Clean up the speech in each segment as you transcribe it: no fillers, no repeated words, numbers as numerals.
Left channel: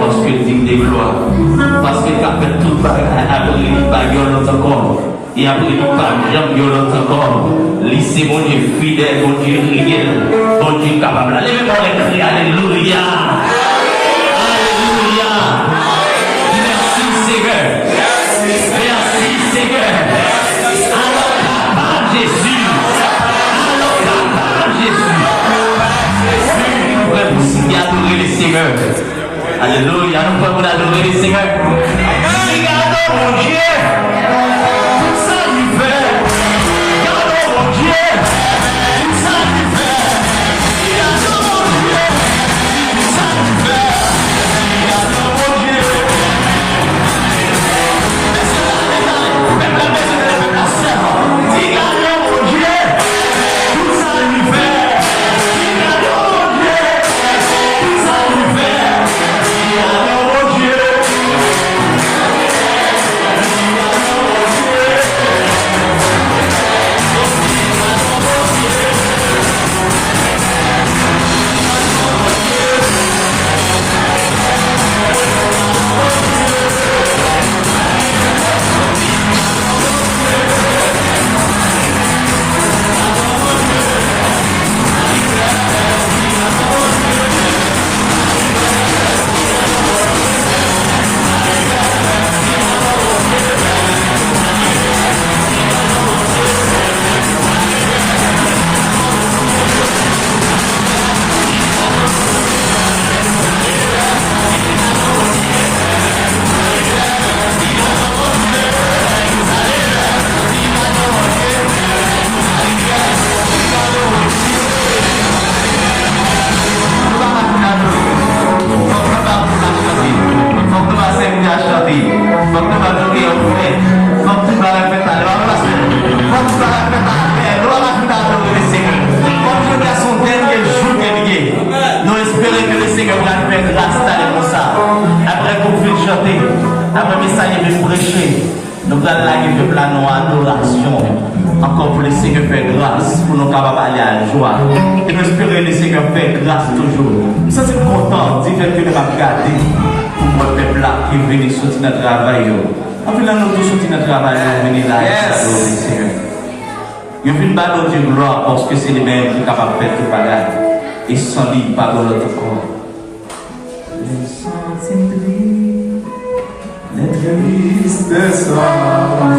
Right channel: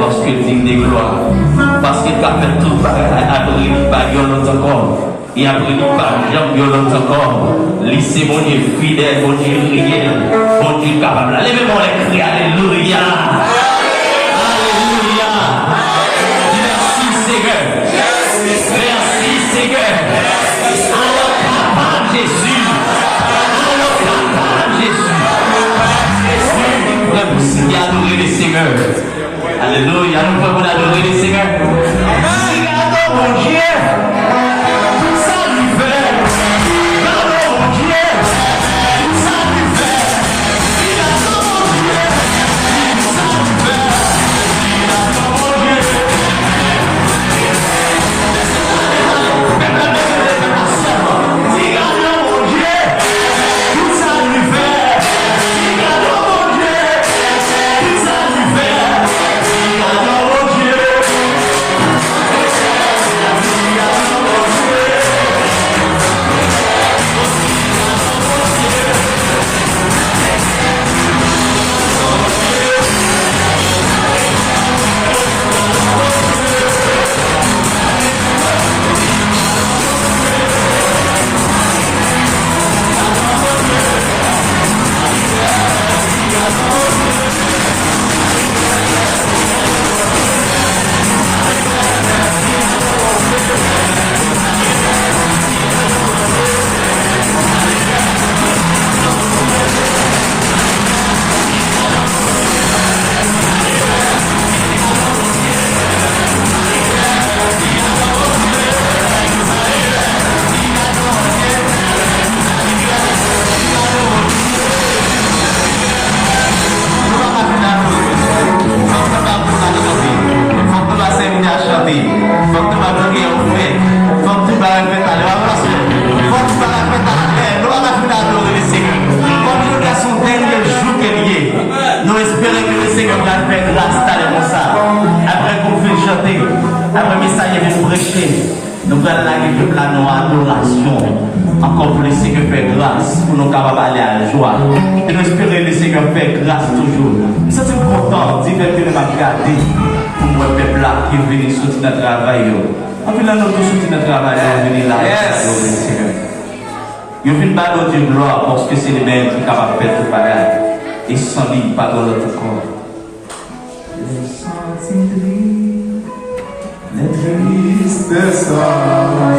parce qu'il dit des gloires. Parce qu'il a fait tout après il pas violent encore. Et après il pas jamais violent encore. Lycée mon Dieu fidèle, mon Dieu réel, mon Dieu capable. Levez-moi les cris, alléluia. Alléluia. Merci Seigneur. Merci Seigneur. Jésus. Jésus. Adorer le Seigneur. Alléluia. Nous pouvons adorer le Seigneur. Regardons mon Dieu. Ça lui fait. Regardons mon Dieu. Ça lui fait. Regardons mon Dieu. Ça lui fait. Regardons mon Dieu. Regardons mon Dieu. Ça lui fait. Regardons mon Dieu. Ça lui fait. Regardons mon Dieu. Nous espérons que le Seigneur va faire grâce à ça. Après qu'on finisse chanter, après le message vient prêcher, nous allons la gueule de nos adoration. Encore pour le Seigneur faire grâce, pour nous capables d'aller à la joie. Et nous espérons que le Seigneur fait grâce toujours. Nous sommes contents d'y faire de regarder pour le peuple là qui vient sortir notre travail. En fait, là, nous tous sortir notre travail, nous venons là et nous le Seigneur. Nous venons ballon de gloire parce que c'est les mêmes qui sont capables de faire tout pareil. Et sans lui, pas dans l'autre corps. Les tristes sont les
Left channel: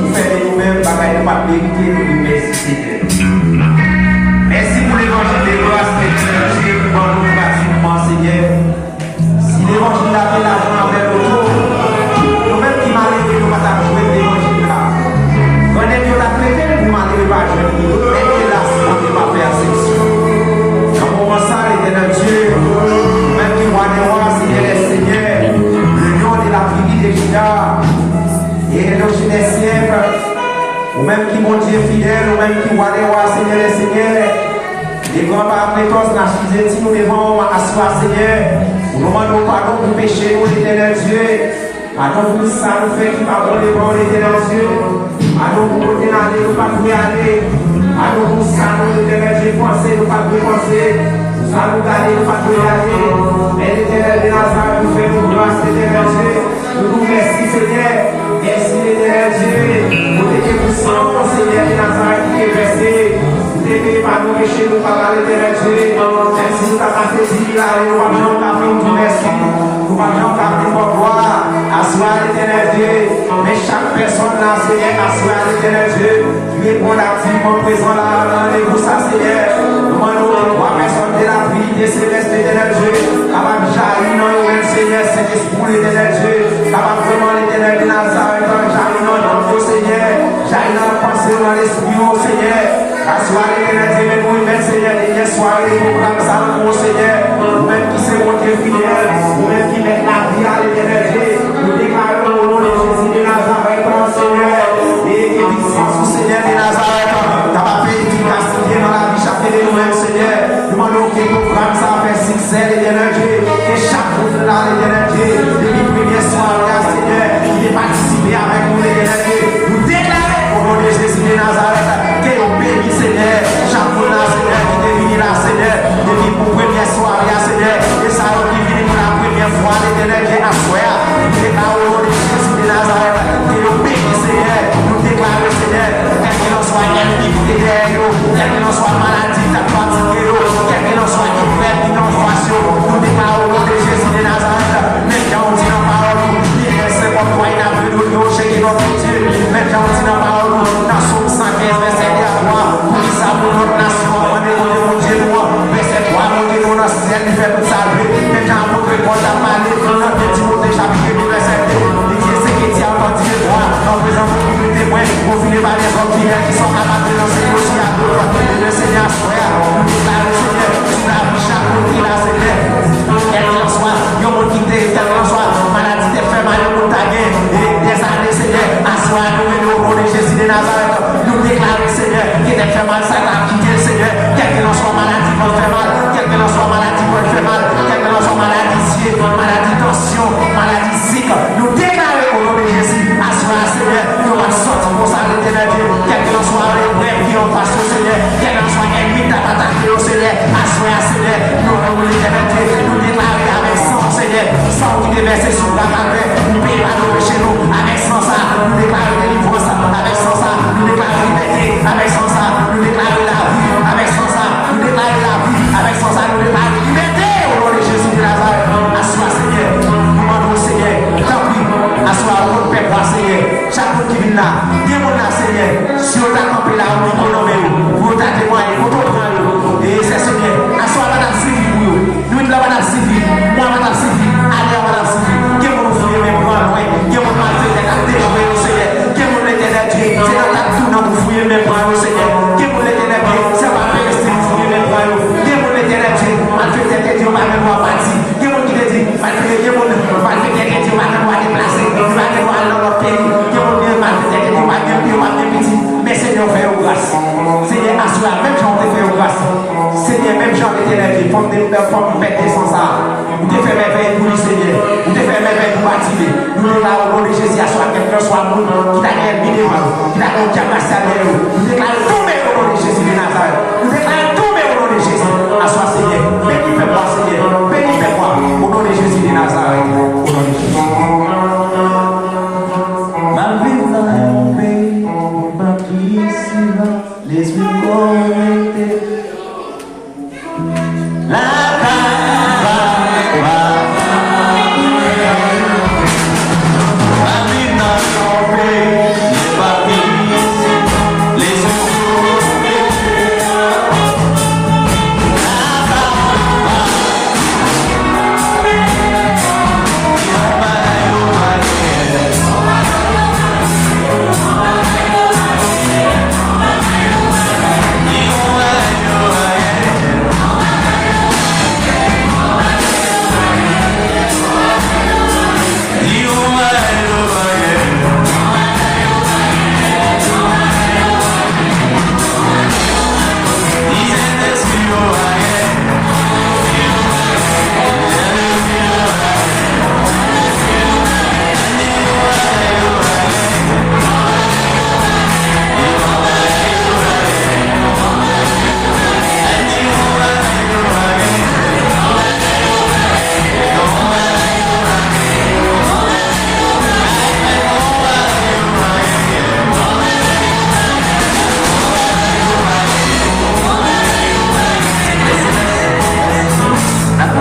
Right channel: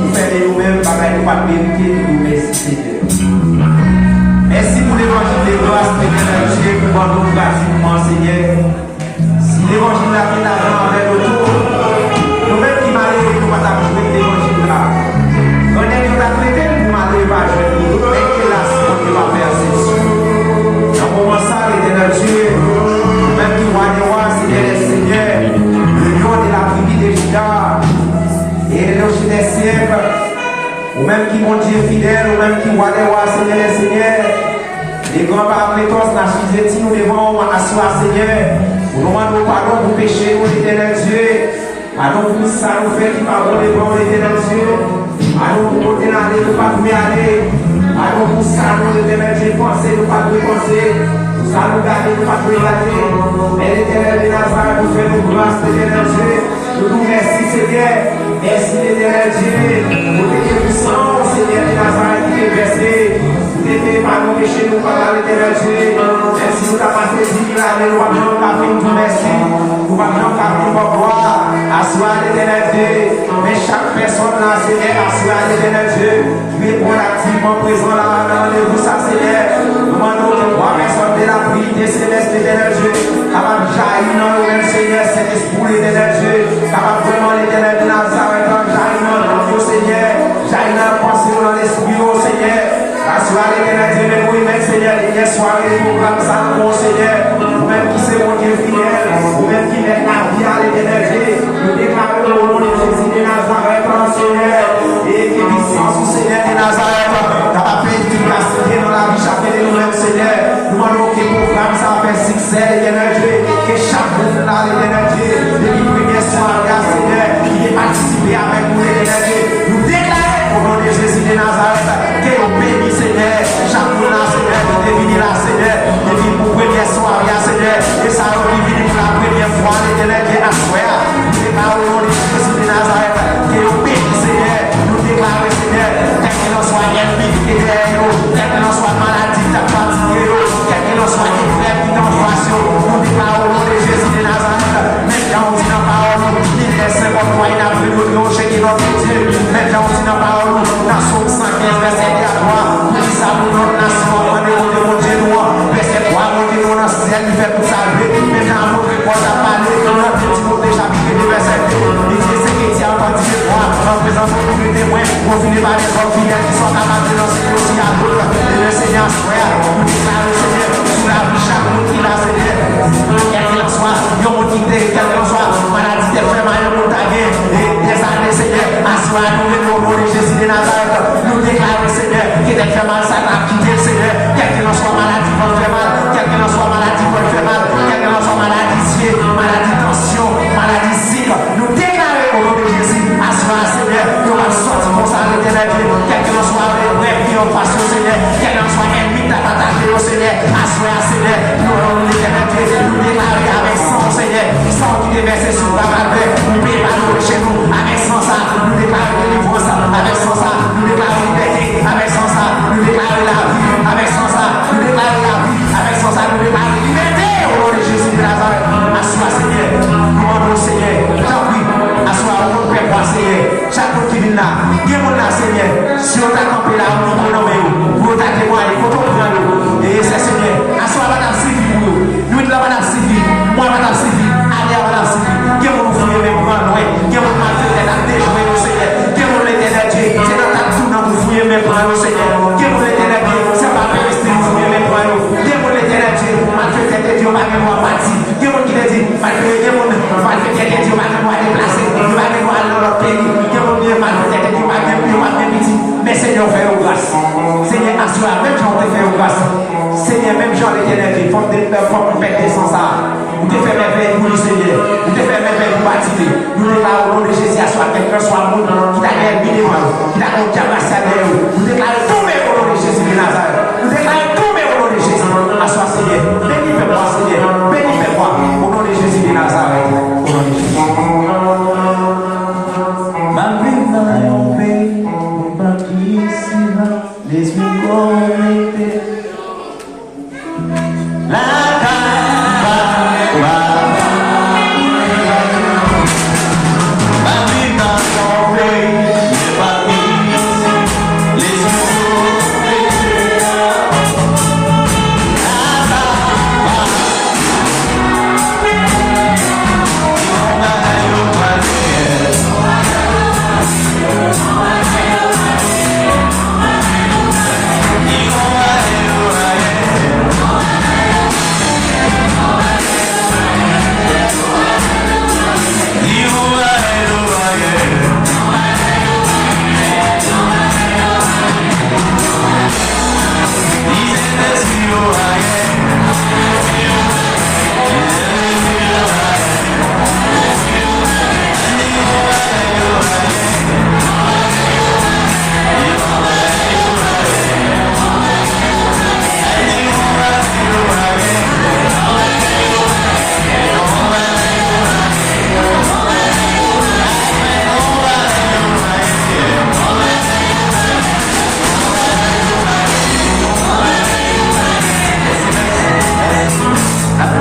Vous faites vous-même, bagaille de papier, vous mettez nous gratuitement, Seigneur. Si l'évangile a été l'argent envers le tour, nous-mêmes qui malheureux, nous ne pouvons pas jouer l'évangile là. Quand nous avons traité, nous malheureux pas jouer, mais hélas, on ne peut pas faire exception. Dans le moment ça, l'éternel Dieu, nous-mêmes qui voient des rois, Seigneur les seigneurs, le lion de la tribu de Juda, et le chien des siècles, ou même qui mon Dieu fidèle, ou même qui voient des rois, Seigneur les seigneurs, les grands-parents précoces, la chisette, nous devons asseoir, Seigneur, nous demandons pardon pour pécher, nous, l'éternel Dieu. Pardon pour ça, nous fait qui pardonne devant l'éternel Dieu. Pardon pour nous dénader, nous pas nous aller. Pardon pour ça, nous, l'éternel Dieu, penser, nous pas nous penser. Pour ça, nous garder, nous pas nous aller. Mais l'éternel de Nazareth, nous fait nous grâce, l'éternel Dieu. Nous nous merci, Seigneur. Merci, l'éternel Dieu. Nous t'es puissant, Seigneur de Nazareth, qui est versé. Nous pas nous pécher, nous pas l'éternel Dieu. Même si nous t'avons fait dire, nous pas besoin de café, nous merci. Nous pas besoin de café pour gloire. Assois l'éternel Dieu. Mais chaque personne là, Seigneur, assois l'éternel Dieu. Tu es bon activement présent là, dans les vous, ça, Seigneur. Nous demandons que 3 personnes de la pluie des célestes, l'éternel Dieu. Capable de jaillir dans nous-mêmes, Seigneur, cet esprit, l'éternel Dieu. Capable vraiment l'éternel de Nazareth, jaillir dans notre Seigneur. Jaillir dans la pensée, dans l'esprit, oh Seigneur. Assois l'éternel Dieu, mais vous-même, Seigneur, les soirées, les programmes, ça, oh Seigneur. Vous-même qui c'est mon Dieu fidèle, vous-même qui est la vie à l'éternel Dieu. Nous déclarons au nom de Jésus de Nazareth, Seigneur, et qui puissance au Seigneur de Nazareth, capable d'efficacité dans la vie chacun de nous-mêmes, Seigneur. Nous demandons que le programme ça fait succès, l'éternel Dieu, que chaque monde là, l'éternel Dieu, depuis première soirée, Seigneur, qui est participé avec nous, l'éternel Dieu. Nous déclarons au nom de Jésus de Nazareth, que nous bénissons, Seigneur, chaque monde là, Seigneur, qui est venu là, Seigneur, depuis pour première soirée, Seigneur, et ça a venu pour la première fois, l'éternel Dieu, à soi. Nous déclarons au nom de Jésus de Nazareth, que nous bénissons, Seigneur, nous déclarons, Seigneur, quel que l'on soit ennemi qui est derrière nous, quel que l'on soit maladie qui a fatigué nous, quel que l'on soit frère qui t'en fasse, nous déclarons au nom de Jésus de Nazareth, même quand on dit dans la parole, il est c'est comme toi, il a pris nous, nous chez notre Dieu, même quand on dit dans la parole, dans Somme 115, verset 3, pour qui ça pour notre nation, on est mon Dieu, nous, verset 3, mon Dieu, nous, dans le ciel, il fait tout saluer, même quand on montre qu'on a parlé, dans le Timothée, chapitre 2, verset 2, il dit, c'est qu'il tient entendu les droits, en présence de tous les témoins, confinés par les hommes fidèles qui sont capables de lancer aussi à d'autres, et le Seigneur, frère, nous déclarons, Seigneur, sous la vie, chaque monde qui l'a, Seigneur, quel qu'il en soit, il y a un monde qui quel qu'il en soit, maladie de fait mal, il y a et des années, Seigneur, assois nous, au nom de Jésus de Nazareth, nous déclarons, Seigneur, qui te fait mal, ça t'a quitté, Seigneur, quel qu'il en soit, maladie va faire mal, quel qu'il en soit, maladie va faire mal, quel qu'il en soit, maladie siée, maladie tension, maladie sick, nous déclarons au nom de Jésus, assois, Seigneur, nous allons sortir pour ça, l'éternel Dieu, quel qu'il en soit, les vrais qui en face, Seigneur, quel qu'il en soit, ennemi qui t'a attaqué, Seigneur, assois, Seigneur, nous allons l'éternel Dieu, nous déclarer avec sang, Seigneur, sang qui est versé sur la palme, nous payons pas nos chez nous, avec sang ça, nous déclarons délivrance, avec sang ça, nous déclarons liberté, avec sang ça, nous déclarons la vie, avec sang ça, nous déclarons la vie, avec sang ça, nous déclarons liberté, au nom de Jésus de Nazareth, assois, Seigneur, nous demandons, Seigneur, tant pis, assois, au nom de Père, Seigneur, chaque monde qui vient là, il y a là, Seigneur, si on t'a campé là, on peut nommer, pour t'a témoigné, pour t'en prendre, et c'est Seigneur, assois, madame Sylvie, pour nous, nous, madame Sylvie, moi, madame Sylvie, allez à madame Sylvie, qui est mon fouiller, même grand loin, qui est mon malfait, à déjouer, au Seigneur, qui est mon l'éternel Dieu, c'est dans ta tout dans vous fouiller, même grand, au Seigneur, qui est mon l'éternel Dieu, c'est pas faire rester, vous fouiller, même grand, qui est mon l'éternel Dieu, malfait, Dieu, va même voir parti, qui est mon qui te dit, malfait, Dieu, va même voir déplacer, il va même voir dans leur pays, qui est mon Dieu, malfait, Dieu, va même petit, mais Seigneur, fais au grâce, Seigneur, assois, même Jean te fait au grâce, Seigneur, même Jean l'éternel Dieu, forme péter sans ça, vous te faites merveille pour le Seigneur, vous te faites merveille pour bâtir, nous déclarons au nom de Jésus, assois, quelqu'un soit monde, qui t'a gagné qui t'a gagné nous déclarons tout mais au nom de Jésus de Nazareth, nous déclarons tout mais au nom de Jésus, assois Seigneur, bénis fais-moi Seigneur, bénis fais-moi, au nom de Jésus de Nazareth, au nom de Jésus. Ma vie n'a rien fait, ma qui s'y va, les yeux connectés. La caille va. Ma vie n'a rien fait, ma qui s'y va, les yeux connectés.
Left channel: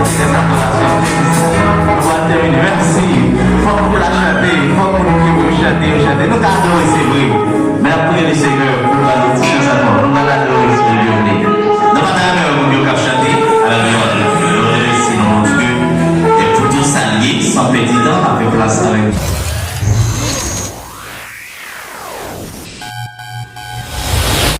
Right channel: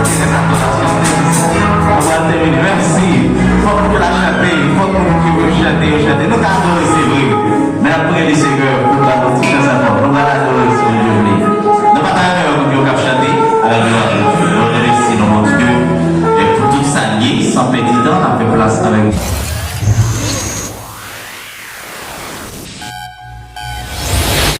chanter cette adoration. On va terminer. Merci. Faut que la chanter. Faut que nous qui veut chanter. Nous gardons, c'est vrai. Mais après, les seigneurs, nous allons chanter ça.